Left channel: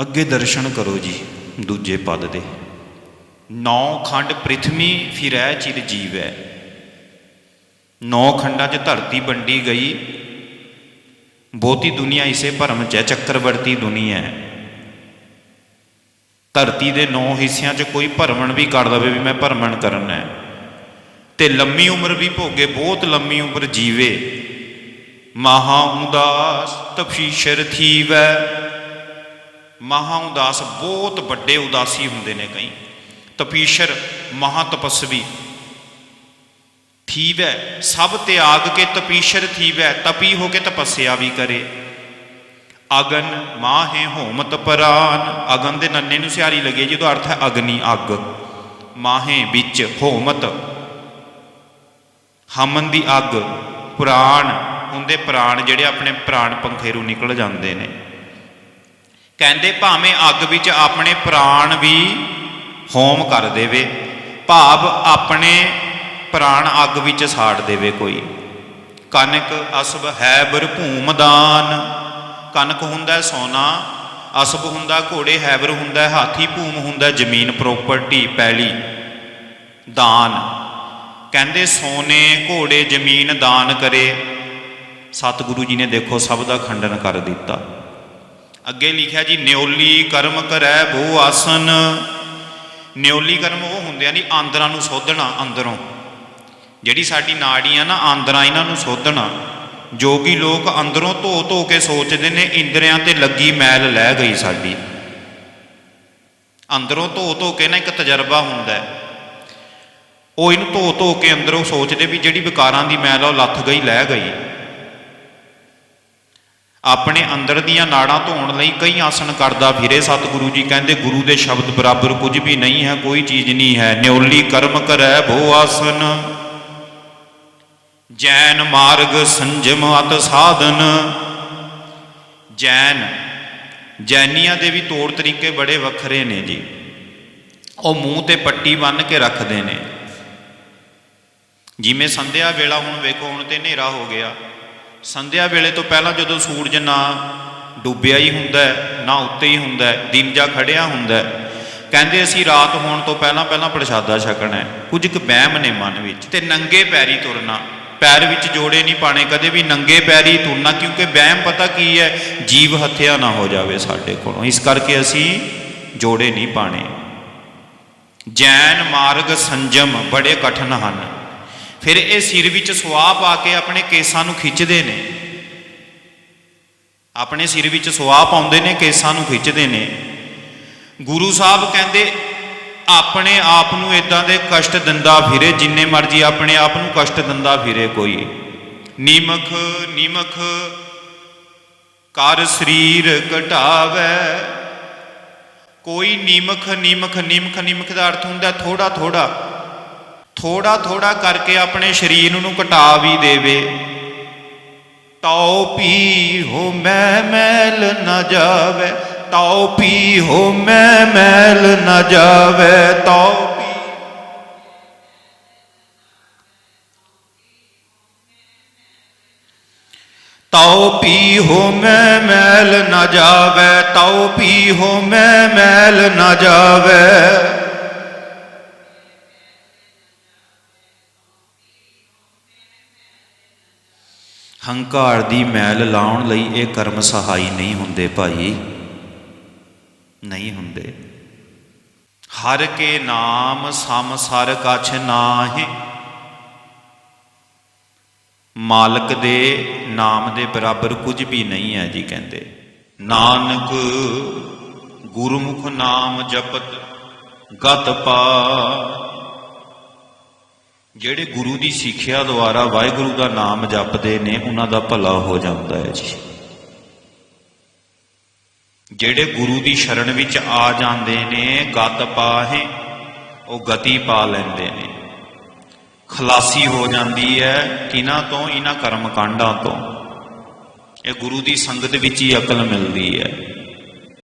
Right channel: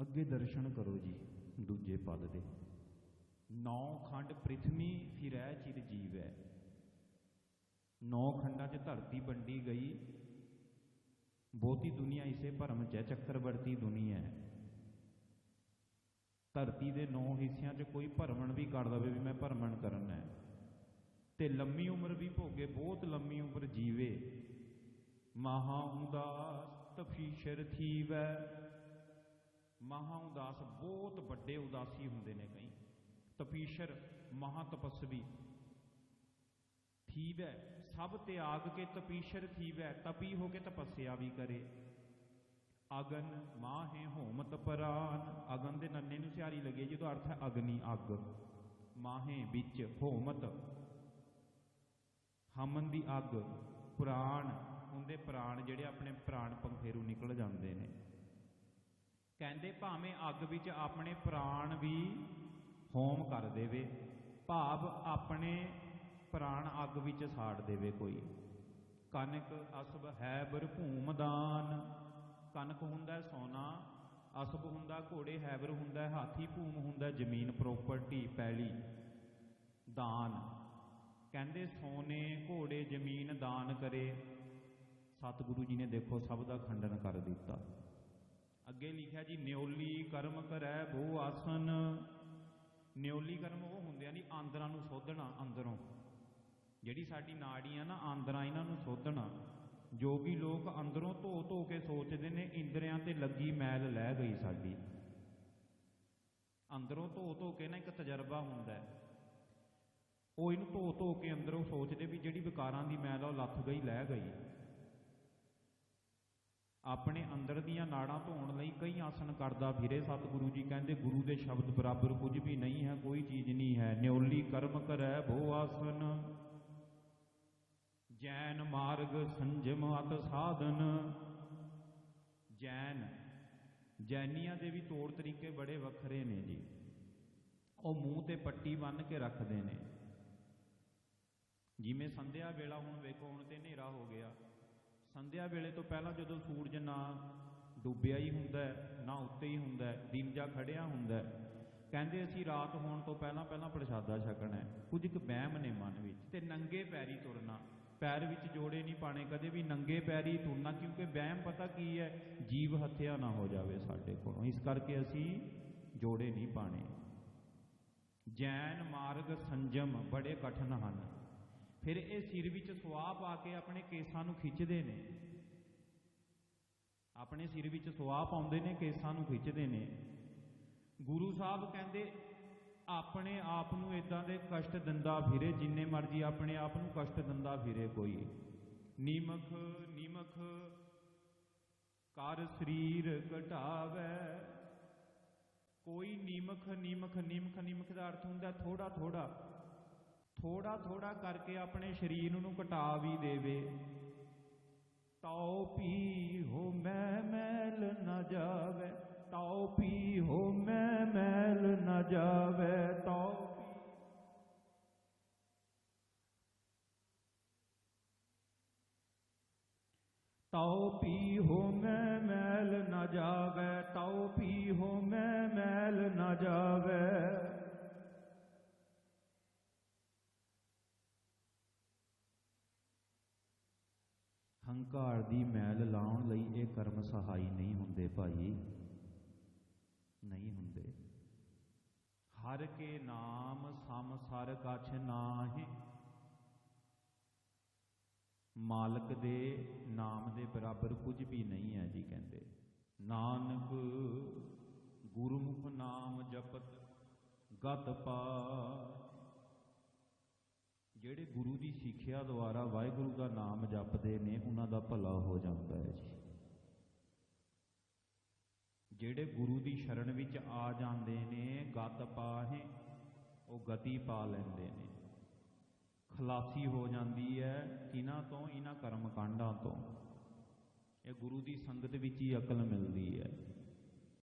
ਅੱਗੇ ਦਰਸ਼ਨ ਕਰੋ ਜੀ, ਦੂਜੇ ਪਦ ਦੇ। ਨੌ ਖੰਡ ਪ੍ਰਿਥਵੀ ਫਿਰੈ ਚਿਰ ਜੀਵੈ। ਨੌ ਖੰਡਾਂ 'ਚ ਧਰਤੀ ਵੰਡੀ ਗਈ। ਬਹੁਤੀ ਦੁਨੀਆ ਇਸੇ ਭਰਮ 'ਚ ਹੈ, ਚੱਕਰਵਰਤੀ ਦੁਨੀਆ ਹੈ। ਧਰਤੀ ਦੇ ਨੌ ਹਿੱਸਿਆਂ 'ਚ ਕੋਈ ਭਰਮਣ ਵੀ ਕਰ ਦਵੇ ਵੀ ਮੈਂ ਭਰਮਣ ਕਰਨਾ ਹੈ। ਤੇ ਲੰਮੀ ਉਮਰ ਵੀ ਭੋਗੇ, ਬਹੁਤ ਲੰਮੀ ਉਮਰ ਜੀਵੇ। ਮਹਾ ਉਦਾਸ ਤਪਸ਼ੀਸ਼ਰ ਥੀਵੈ। ਮਹਾ ਉਦਾਸ ਬਹੁਤ ਵੱਡੇ ਉਦਾਸੀ ਹੁੰਦੇ ਨੇ ਕਈ। ਤਪੀਸ਼ਰ ਮਹਾ ਤਪਸਵੀ ਥੀਵੈ, ਸਭ ਤਿਆਗ ਕੇ ਤਪੀਸ਼ਰ ਥੀਵੈ, ਤਪੀ ਹੋ ਕੇ ਤਪੱਸਿਆ ਵੀ ਕਰੇ। ਅਗਨ ਮਾਹੇ ਹੋਮਤ ਪਰਾਨ। ਅਗਨ ਦੇ ਨੰਨੇ ਨੂੰ ਸਿਆਰੀ ਲੱਗੇ ਜਿਹਦਾ ਅਰਥ ਹੈ ਅਗਨੀ ਅੱਗ। ਮਾਹੇ ਵਿੱਚ ਹੋਮਤ। ਹਮਨ ਦੀ ਅੱਗ, ਪੁਰਾਣ। ਹੁੰਦੇ ਪ੍ਰਾਣ ਜਿਹੜੇ ਆਪਣੇ ਪ੍ਰਾਣ ਪੰਖੇਰੂ ਨਿਕਲ ਜਾਂਦੇ ਨੇ। ਕਹਿੰਦੇ ਭਾਵੇਂ ਅੱਗ ਵਿੱਚ ਆਪਣੇ ਪ੍ਰਾਣ ਵੀ ਹੋਮ ਕਰ ਦੇਵੇ, ਭਾਵ ਆਪਣੇ ਪ੍ਰਾਣ ਅੱਗ ਵਿੱਚ ਸਾੜ ਦੇਵੇ ਕੋਈ। ਕਨਕ ਅਸਬ ਹੈ ਬਰਭੂਮਦਾਨ ਕਨਕ ਹੁੰਦਾ ਸੋਨਾ, ਅਸਬ ਹੁੰਦਾ ਘੋੜੇ, ਹੈਬਰ ਹੁੰਦਾ ਹਾਥੀ, ਭੂਮ ਹੁੰਦਾ ਜ਼ਮੀਨ ਪ੍ਰਾਪਰਟੀ ਪੈਲੀ, ਦਾਨ। ਕਹਿੰਦੇ ਸੋਨੇ, ਘੋੜੇ, ਜ਼ਮੀਨ ਦਾਨ ਕਰੇ। ਸਤਿਗੁਰੂ ਜੀ ਨੇ ਦੇਖੋ ਸਭ ਦਾ ਖੰਡਨ ਕਰ ਦਿੱਤਾ। ਅੱਗੇ ਲਿਖਿਆ ਜੀ, ਨਿਉਲੀ ਕਰਮ ਕਰੈ ਬੋ ਆਸਨ। ਨਿਉਲੀ ਕਰਮ ਉਹ ਹੁੰਦੇ ਆ ਨਹੀਂ ਆਂਦਰਾਂ ਨੂੰ ਸੋਧਣਾ ਅੰਦਰੋਂ। ਜਿਹੜੀ ਸਾਡੀ ਨਾੜੀਆਂ ਨਾ, ਆਂਦਰਾਂ ਇਹਨਾਂ ਨੂੰ ਸੋਧਣਾ। ਜੋਗੀ ਲੋਕ ਅੰਦਰੋਂ ਧੋ ਧੋ ਕੇ ਸੋਚਦੇ ਨੇ, ਇੰਦਰੀਆਂ ਤੇ ਲੱਗੀ ਮੈਲ ਲੈ ਗਈ ਸਾਡੀ। ਅੰਦਰੋਂ ਧੋ ਧੋ ਕੇ ਨਾ ਇੱਕ ਤਜਰਬਾ ਹੁੰਦਾ ਹੈ। ਉਹ ਇਹਨੂੰ ਧੋ ਧੋ ਕੇ ਅੰਦਰੋਂ ਸੋਚਦੇ ਵੀ ਜਿਹੜੀ ਵਿਕਾਰਾਂ ਦੀ ਮੈਲ ਆ, ਉਹ ਲੱਥ ਗਈ, ਲੈ ਗਈ। ਆਪਣੇ ਅੰਦਰ ਦੀਆਂ ਨਾੜਾਂ ਧੋਣ ਲਈ ਕਈ ਆਸਣ ਕਰਦਾ ਫਿਰੇ। ਸਤਿਗੁਰੂ ਜੀ ਕਹਿੰਦੇ, ਗੁਰੂ ਦੇ ਸ਼ਬਦ ਬਰਾਬਰ ਕੁਝ ਵੀ ਨਹੀਂ ਹੈ, ਕੋਈ ਚੀਜ਼ ਨਹੀਂ ਹੈ। ਨਿਉਲੀ ਕਰਮ ਕਰੈ ਭੋ ਆਸਨ, ਜੈਨ ਮਾਰਗ ਸੰਜਮ ਅਤ ਸਾਧਨ। ਜੈਨ, ਜੈਨੀਆਂ ਦੇ ਵੀ ਤੌਰ ਤਰੀਕੇ ਬੜੇ ਵੱਖਰੇ ਨੇ ਜੀ। ਉਹ ਮੂੰਹ ਤੇ ਪੱਟੀ ਬੰਨ੍ਹ ਕੇ ਰੱਖਦੇ ਨੇ। ਜਿਵੇਂ ਸੰਧਿਆ ਵੇਲਾ ਹੁਣ ਵੇਖੋ, ਹੁਣ ਤੇ ਹਨੇਰਾ ਹੋ ਗਿਆ। ਸੰਧਿਆ ਵੇਲੇ ਤੋਂ ਪਹਿਲਾਂ ਜਦੋਂ ਸੂਰਜ ਨਾ ਡੁੱਬਿਆ ਹੀ ਹੁੰਦਾ ਹੈ, ਨਾ ਉੱਤੇ ਹੀ ਹੁੰਦਾ ਹੈ, ਦਿਨ ਜਾ ਖੜਿਆ ਹੁੰਦਾ ਹੈ। ਕਹਿੰਦੇ ਅਸੀਂ ਰਾਤ ਹੋਣ ਤੋਂ ਪਹਿਲਾਂ ਪਹਿਲਾਂ ਪ੍ਰਸ਼ਾਦਾ ਛਕਣਾ ਹੈ। ਕੁਝ ਕੁ ਵਹਿਮ ਨੇ ਮਨ ਵਿੱਚ। ਤੇ ਨੰਗੇ ਪੈਰੀ ਤੁਰਨਾ। ਪੈਰ ਵਿੱਚ ਜੋੜੇ ਨਹੀਂ ਪਾਣੇ ਕਦੇ ਵੀ ਨੰਗੇ ਪੈਰੀ ਤੁਰਨਾ ਕਿਉਂਕਿ ਵਹਿਮ ਪਤਾ ਕੀ ਹੈ ਜੀਵ ਹੱਤਿਆ ਨਾ ਹੋ ਜਾਵੇ ਸਾਡੇ ਕੋਲੋਂ। ਇਸ ਕਰਕੇ ਅਸੀਂ ਜੋੜੇ ਨਹੀਂ ਪਾਣੇ ਜੈਨ ਮਾਰਗ ਸੰਜਮ ਬੜੇ ਕਠਨ ਹਨ। ਫਿਰ ਇਹ ਸਿਰ ਵਿੱਚ ਸੁਆਹ ਪਾ ਕੇ ਆਪਣੇ ਕੇਸਾਂ ਨੂੰ ਖਿੱਚਦੇ ਨੇ। ਆਪਣੇ ਸਿਰ ਵਿੱਚ ਸੁਆਹ ਪਾਉਂਦੇ ਨੇ, ਕੇਸਾਂ ਨੂੰ ਖਿੱਚਦੇ ਨੇ। ਗੁਰੂ ਸਾਹਿਬ ਕਹਿੰਦੇ, ਆਪਣੇ ਆਪ ਨੂੰ ਇਦਾਂ ਦੇ ਕਸ਼ਟ ਦਿੰਦਾ ਫਿਰੇ, ਜਿੰਨੇ ਮਰਜ਼ੀ ਆਪਣੇ ਆਪ ਨੂੰ ਕਸ਼ਟ ਦਿੰਦਾ ਫਿਰੇ ਕੋਈ। ਨੀਮਖ ਨੀਮਖ, ਕਰ ਸਰੀਰ ਘਟਾਵੇ। ਕੋਈ ਨੀਮਖ ਨੀਮਖ ਨੀਮਖ ਨੀਮਖ ਦਾ ਅਰਥ ਹੁੰਦਾ ਥੋੜਾ ਥੋੜਾ ਥੋੜਾ ਥੋੜਾ ਕਰਕੇ ਆਪਣੇ ਸਰੀਰ ਨੂੰ ਘਟਾ ਵੀ ਦੇਵੇ। ਤਉ ਪੀ ਹੋ ਮੈਂ ਮੈਲ ਨਾ ਜਾਵੇ। ਤਉ ਪੀ ਹੋ ਮੈਂ ਮੈਲ ਨਾ ਜਾਵੇ। ਤਉ ਪੀ ਤਉ ਪੀ ਹੋ ਮੈਂ ਮੈਲ ਨਾ ਜਾਵੇ। ਤਉ ਪੀ ਹੋ ਮੈਂ ਮੈਲ ਨਾ ਜਾਵੇ। ਹੰਕਾਰ ਦੀ ਮੈਲ ਲਾਉਣ ਲਈ ਇਹ ਕਰਮ ਸਹਾਈ ਨਹੀਂ ਹੁੰਦੇ ਭਾਈ। ਨਹੀਂ ਹੁੰਦੇ। ਹਰ ਕੇ ਨਾਮ ਸਮ ਸਰ ਕਛ ਨਾਹੀ। ਮਾਲਕ ਦੇ ਨਾਮ ਦੇ ਬਰਾਬਰ ਕੁਝ ਵੀ ਨਹੀਂ ਹੈ ਜੀ ਕਹਿੰਦੇ। ਨਾਨਕ ਗੁਰਮੁਖ ਨਾਮ ਜਪਤ ਗਤ ਪਾ ਜਿਹੜੇ ਗੁਰੂ ਦੀ ਸਿੱਖਿਆ ਦੁਆਰਾ ਵਾਹਿਗੁਰੂ ਦਾ ਨਾਮ ਜਪਦੇ ਨੇ, ਉਹਨਾਂ ਦਾ ਭਲਾ ਹੋ ਜਾਂਦਾ ਹੈ ਜੀ। ਜਿਹੜੇ ਗੁਰੂ ਦੀ ਸ਼ਰਨ ਵਿੱਚ ਆ ਜਾਂਦੇ ਨੇ, ਗਤ ਪਾਹੇ, ਉਹ ਗਤੀ ਪਾ ਲੈਂਦੇ ਨੇ। ਖਲਾਸੀ ਹੋ ਜਾਂਦੀ ਹੈ ਕਿਨਾਂ ਤੋਂ? ਇਹਨਾਂ ਕਰਮ ਕਾਂਡਾਂ ਤੋਂ। ਇਹ ਗੁਰੂ ਦੀ ਸੰਗਤ ਵਿੱਚ ਹੀ ਅਕਲ ਮਿਲਦੀ ਹੈ।